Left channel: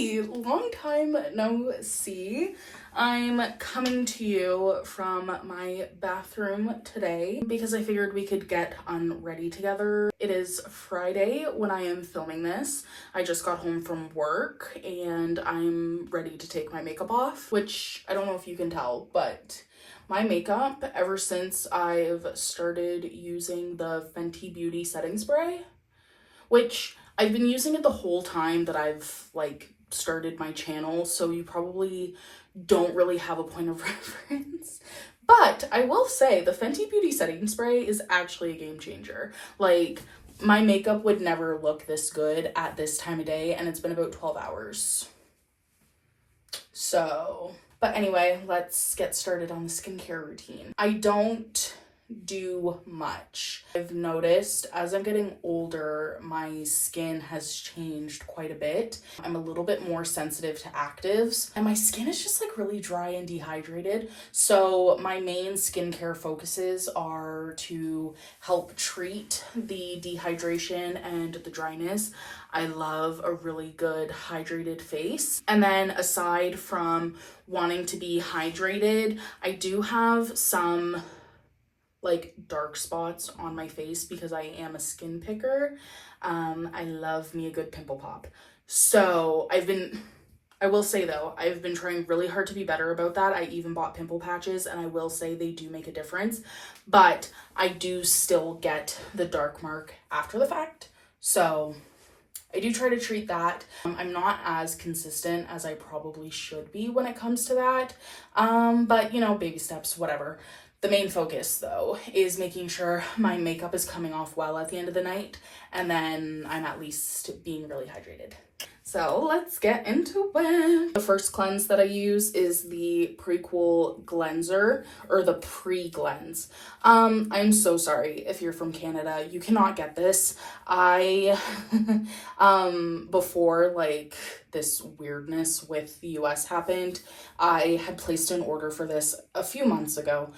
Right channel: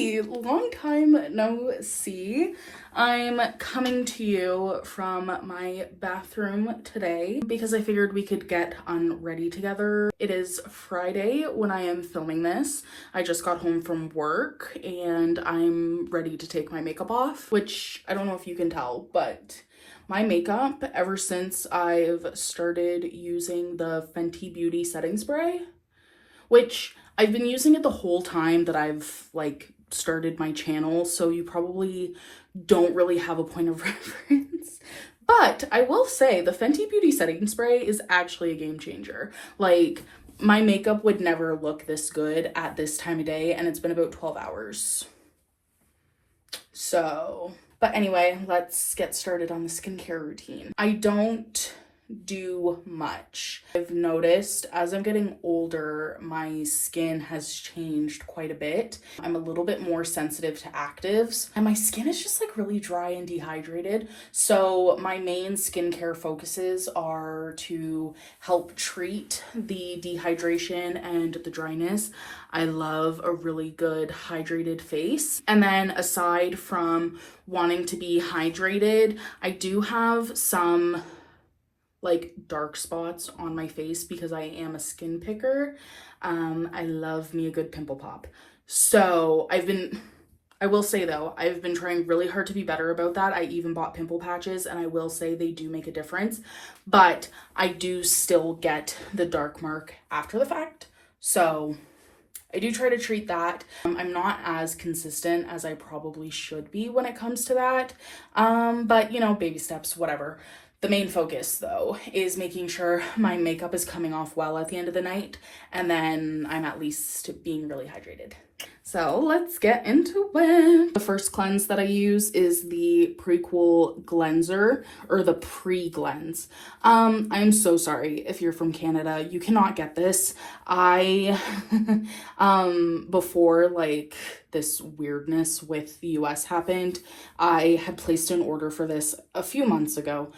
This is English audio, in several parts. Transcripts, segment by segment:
Hey, long time no see. I'm coming to you from my bathroom today because I figured we could get unready together. It is Friday when I am filming this. I just got home from work and I'm ready to take my makeup off, which I don't know if you can tell, but my makeup, ever since I've started using the Fenty Beauty setting spray, which I've been using it the whole time that I've started my channel, so you probably don't really have a point of reference. But I will say the Fenty Beauty setting spray is actually a game changer. Like, my makeup would never look this good at this time of day, and it's been about 12 hours. So, but anyway, let's get started on the skincare routine. I don't do much. I've noticed as I'm getting older, my skin has changed quite a bit. I'm a little bit more sensitive to actives, and my skin is just really dry and dehydrated. So my main skincare focuses are to help treat the dehydration and the dryness. I love a really good hydrated face. And then aside from wanting to be hydrated, I do have some dark spots on my face because I am a skin picker. I love me a good pimple pop. So I will say though, I've been trying really hard to be better about that. I even bought pimple patches, and I will say they do make a difference, but I do still get the dark mark after the fact. So I do try to treat that. I'm not as consistent as I probably should be when it comes to that. But baby steps, whatever. The main focus, though, is making sure my makeup is coming off well at the end of the night, and then I'm at least being really hydrated. So let's get into it. The first cleanse that I use is the Prequel cleanser, or the pregleanse. I'm so sorry if you're from Canada, you cannot get this. I, before this weirdness with the US happened, I had placed an order for this a few months ago,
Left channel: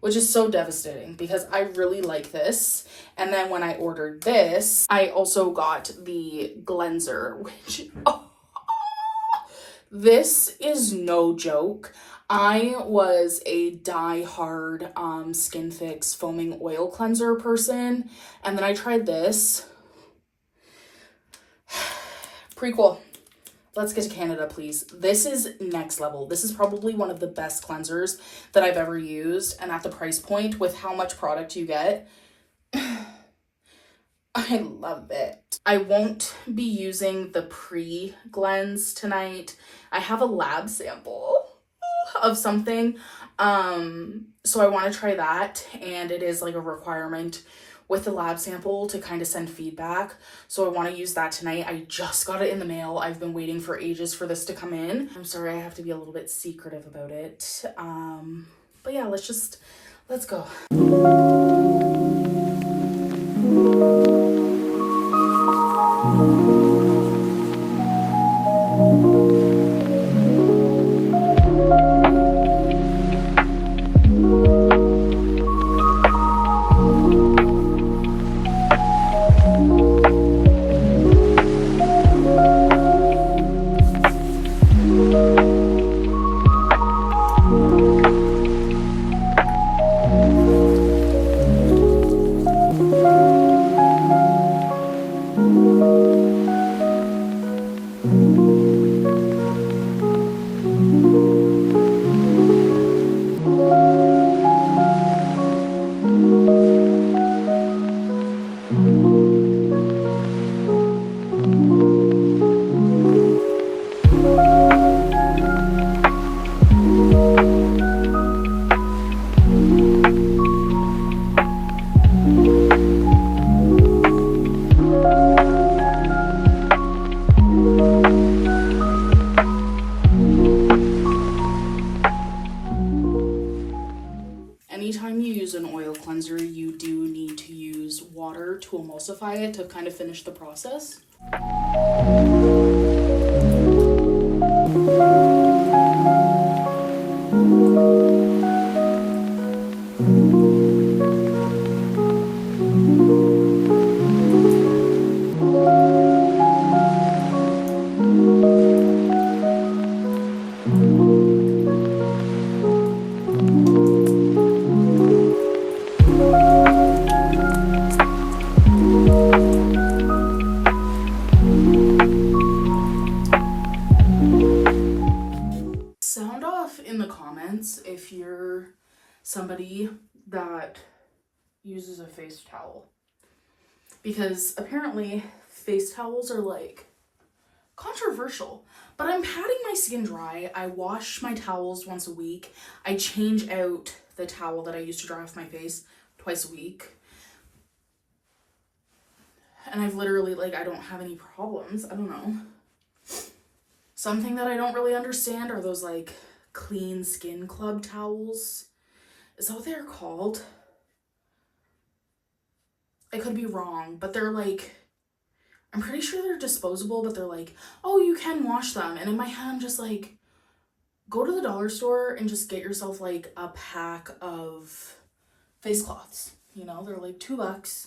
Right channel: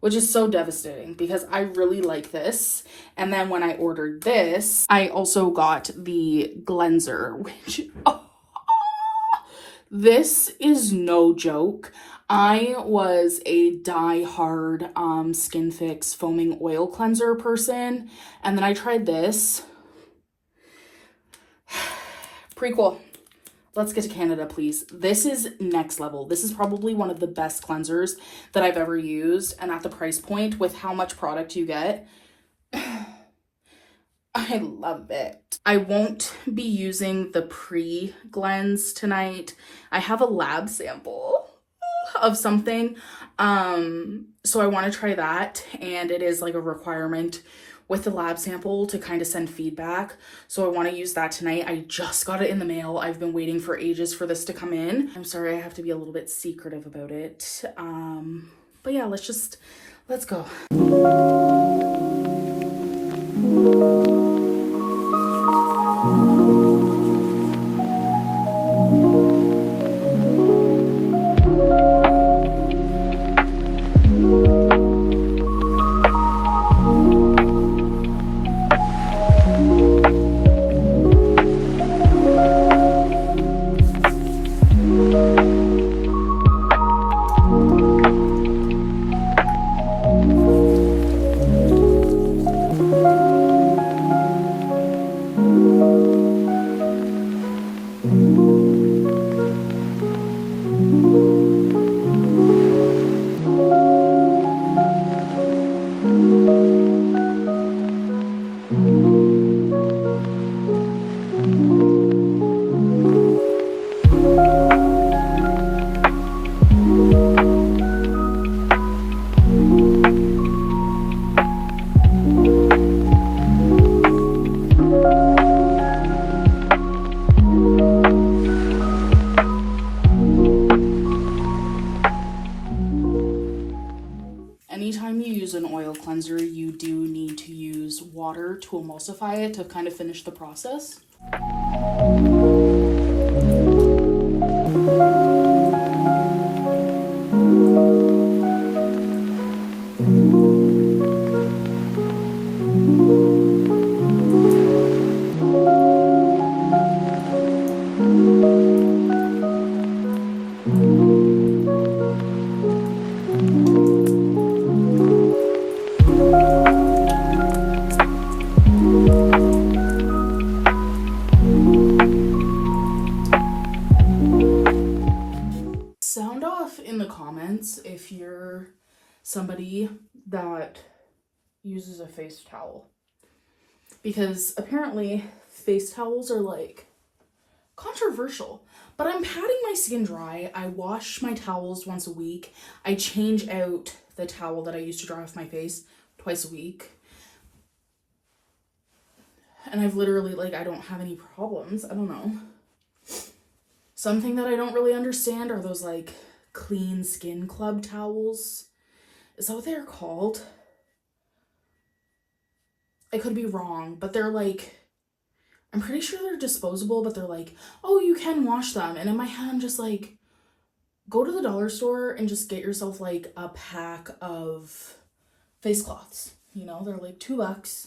which is so devastating because I really like this. And then when I ordered this, I also got the cleanser, which, this is no joke. I was a die-hard Skin Fix foaming oil cleanser person, and then I tried this. Prequel. Let's get to Canada, please. This is next level. This is probably one of the best cleansers that I've ever used, and at the price point with how much product you get, I love it. I won't be using the pre-cleanse tonight. I have a lab sample of something, so I want to try that, and it is a requirement with the lab sample to kind of send feedback. So I want to use that tonight. I just got it in the mail. I've been waiting for ages for this to come in. I'm sorry, I have to be a little bit secretive about it. But yeah, let's go. Anytime you use an oil cleanser, you do need to use water to emulsify it to kind of finish the process. somebody that uses a face towel, because apparently face towels are like controversial. But I'm patting my skin dry. I wash my towels once a week. I change out the towel that I use to dry off my face twice a week. And I've literally, like, I don't have any problems. I don't know. Something that I don't really understand are those, like, clean skin club towels. Is that what they're called? I could be wrong, but they're like, I'm pretty sure they're disposable, but they're like, oh, you can wash them. And in my head, I'm just like, go to the dollar store and just get yourself like a pack of face cloths. You know, they're like $2.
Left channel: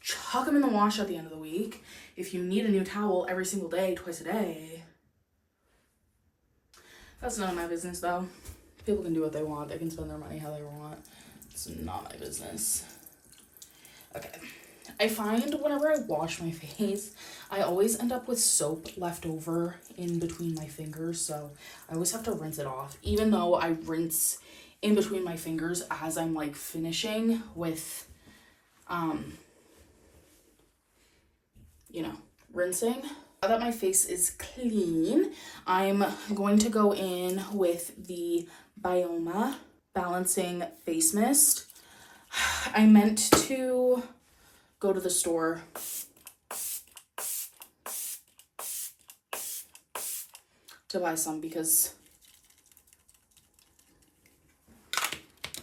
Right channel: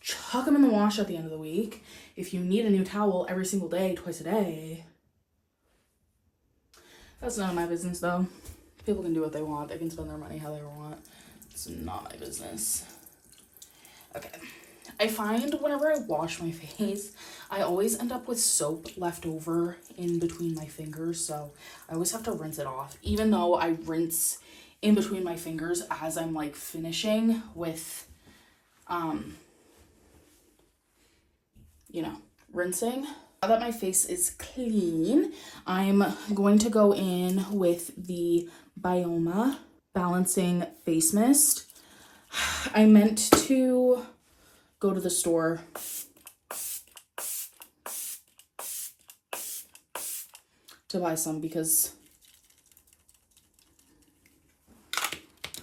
Chuck them in the wash at the end of the week. If you need a new towel every single day, twice a day. That's none of my business, though. People can do what they want. They can spend their money how they want. It's not my business. Okay. I find whenever I wash my face, I always end up with soap left over in between my fingers, so I always have to rinse it off, even though I rinse in between my fingers as I'm like finishing with, you know, rinsing. Now that my face is clean, I'm going to go in with the Byoma Balancing Face Mist. I meant to go to the store to buy some because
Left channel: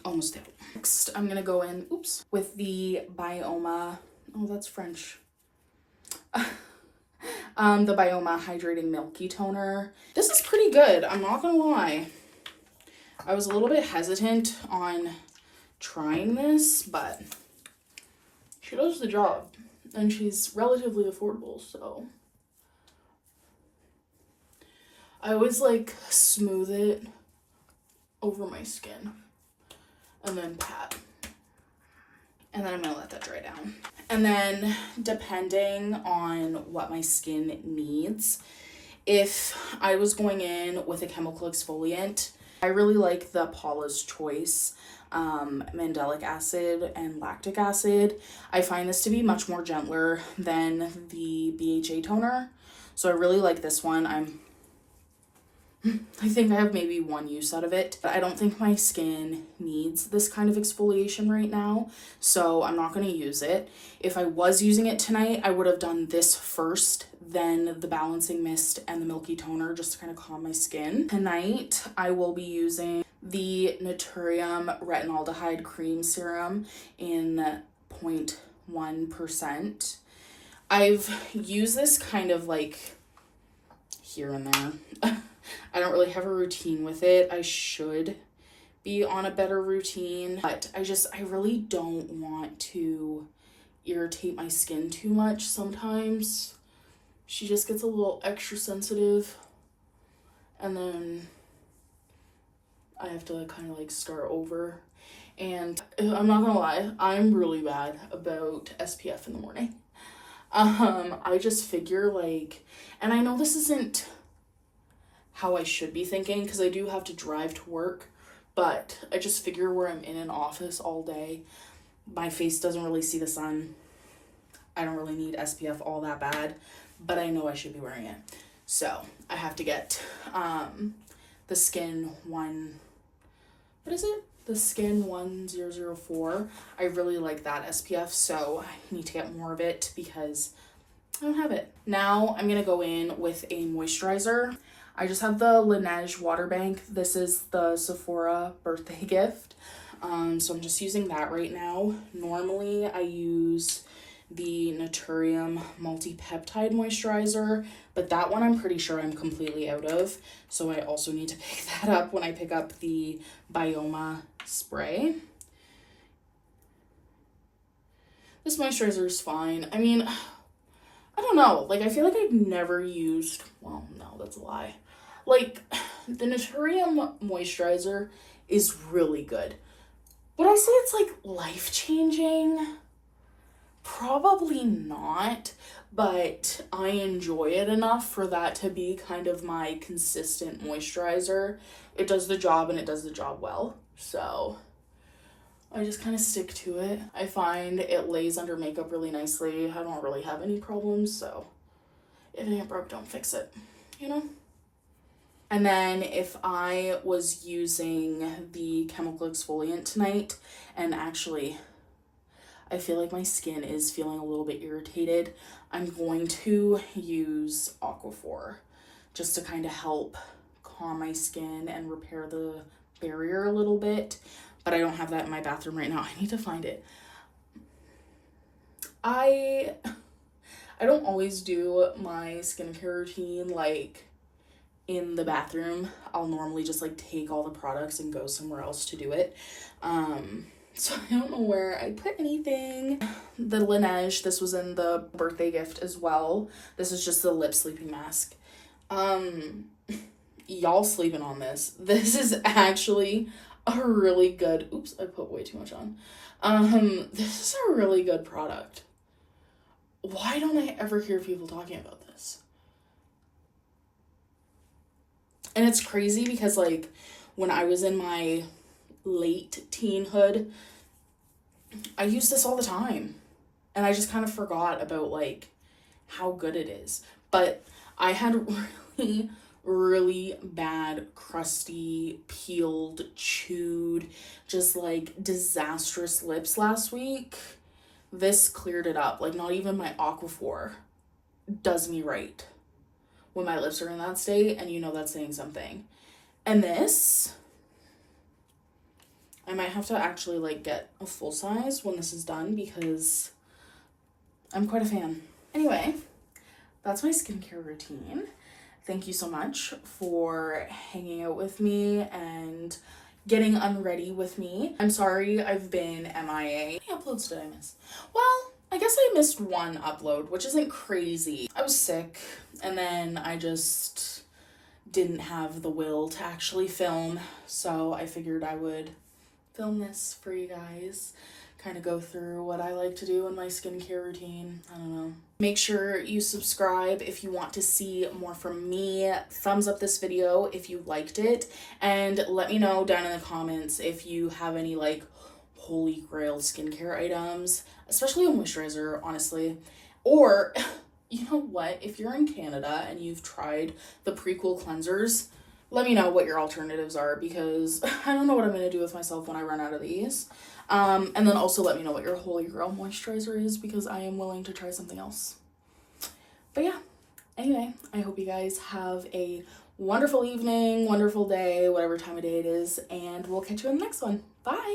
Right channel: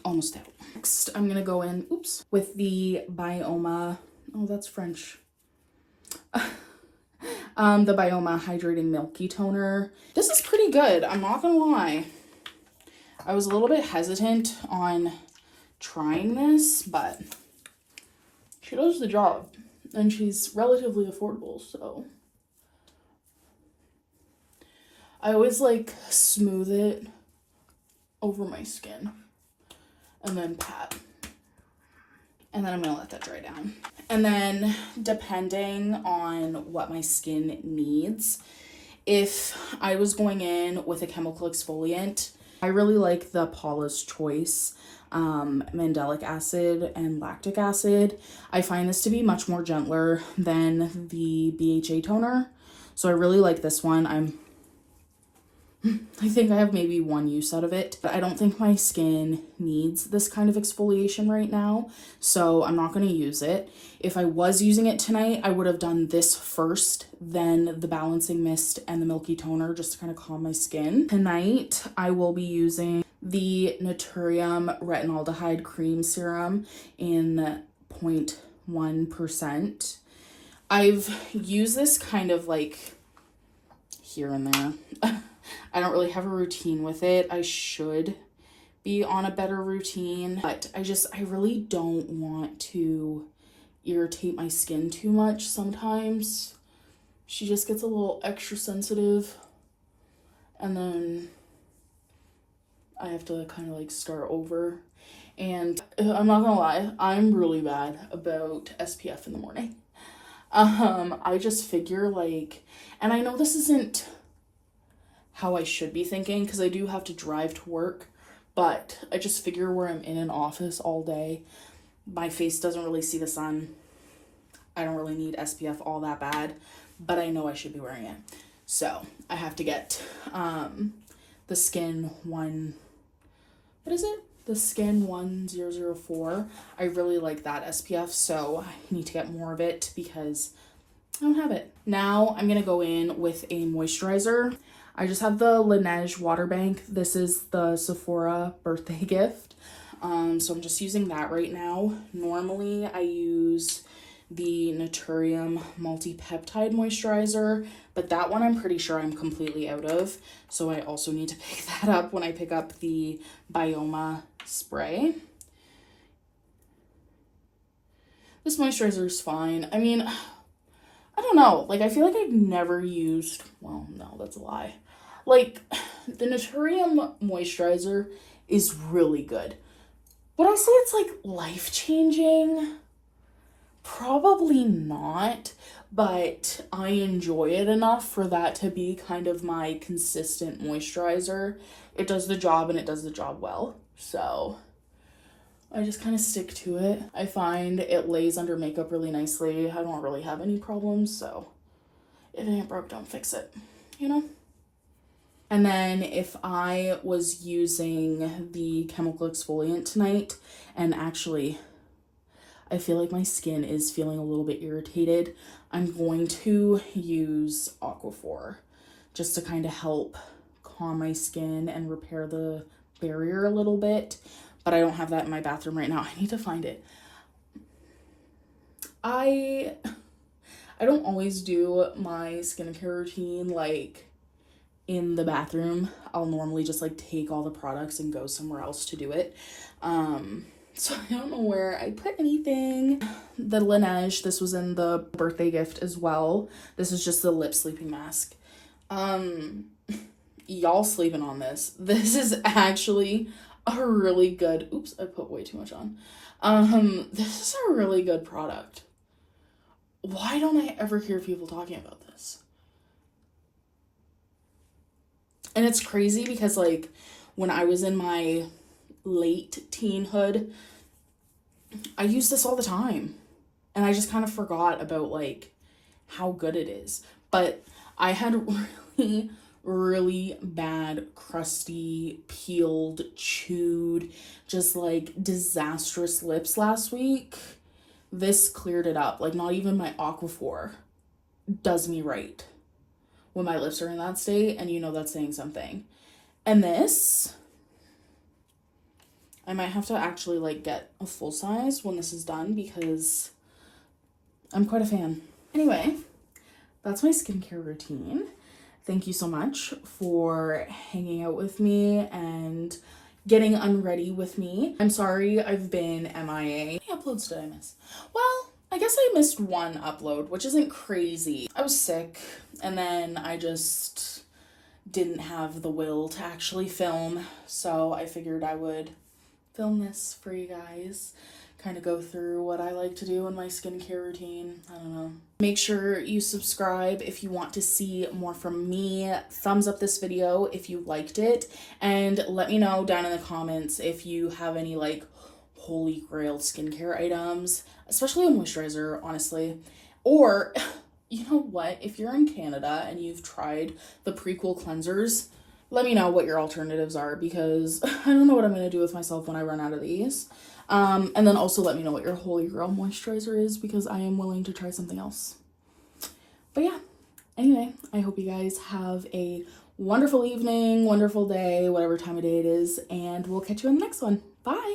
almost out. Next, I'm gonna go in, with the Byoma, oh, that's French. The Byoma Hydrating Milky Toner. This is pretty good, I'm not gonna lie. I was a little bit hesitant on trying this, but she does the job, and she's relatively affordable, so. I always like smooth it over my skin and then pat. And then I'm gonna let that dry down. And then depending on what my skin needs, if I was going in with a chemical exfoliant, I really like the Paula's Choice mandelic acid and lactic acid. I find this to be much more gentler than the BHA toner, so I really like this one. I think I have maybe one use out of it, but I don't think my skin needs this kind of exfoliation right now, so I'm not going to use it. If I was using it tonight, I would have done this first, then the balancing mist and the milky toner just to kind of calm my skin. Tonight, I will be using the Naturium retinaldehyde cream serum in 0.1%. I've used this kind of like here and there. I don't really have a routine with it. I should be on a better routine, but I really don't want to irritate my skin too much sometimes. She just gets a little extra sensitive, and then I have to kind of like start over. And I'm not gonna lie, I'm really bad about SPF in the morning. I just figure like, and I know this isn't how I should be thinking because I do have to drive to work, but I just figure where I'm in an office all day, my face doesn't really see the sun. I don't really need SPF all that bad, but I know I should be wearing it. So I have to get the Skin 1004. I really like that SPF, so I need to get more of it because I don't have it. Now I'm gonna go in with a moisturizer. I just have the Laneige water bank. This is the Sephora birthday gift. So I'm just using that right now. Normally I use the Naturium multi-peptide moisturizer, but that one I'm pretty sure I'm completely out of. So I also need to pick that up when I pick up the Byoma spray. This moisturizer is fine. I mean, I don't know. Like, I feel like I've never used, well, no, that's a lie. Like, the Naturium moisturizer is really good. Would I say it's, like, life-changing? Probably not, but I enjoy it enough for that to be kind of my consistent moisturizer. It does the job, and it does the job well. So, I just kind of stick to it. I find it lays under makeup really nicely. I don't really have any problems, so if it ain't broke, don't fix it, you know? And then if I was using the chemical exfoliant tonight, and actually I feel like my skin is feeling a little bit irritated, I'm going to use Aquaphor just to kind of help calm my skin and repair the barrier a little bit. But I don't have that in my bathroom right now. I need to find it. I don't always do my skincare routine like in the bathroom. I'll normally just like take all the products and go somewhere else to do it. So I don't know where I put anything. The Laneige, this was in the birthday gift as well. This is just the lip sleeping mask. Y'all sleeping on this. This is actually a really good, oops, I put way too much on. This is a really good product. Why don't I ever hear people talking about this? And it's crazy because like when I was in my late teenhood, I used this all the time. And I just kind of forgot about like how good it is. But I had really bad, crusty, peeled, chewed, just like disastrous lips last week. This cleared it up. Like not even my Aquaphor does me right when my lips are in that state, and you know that's saying something. And this, I might have to actually like get a full size when this is done because I'm quite a fan. Anyway, that's my skincare routine. Thank you so much for hanging out with me and getting unready with me. I'm sorry I've been MIA. How many uploads did I miss? Well, I guess I missed one upload, which isn't crazy. I was sick, and then I just didn't have the will to actually film, so I figured I would film this for you guys. Kind of go through what I like to do in my skincare routine. I don't know. Make sure you subscribe if you want to see more from me. Thumbs up this video if you liked it. And let me know down in the comments if you have any like holy grail skincare items, especially a moisturizer, honestly. Or, you know what? If you're in Canada and you've tried the Prequel cleansers, let me know what your alternatives are because I don't know what I'm going to do with myself when I run out of these. And then also let me know what your holy grail moisturizer is because I am willing to try something else. But yeah, anyway, I hope you guys have a wonderful evening, wonderful day, whatever time of day it is, and we'll catch you in the next one. Bye!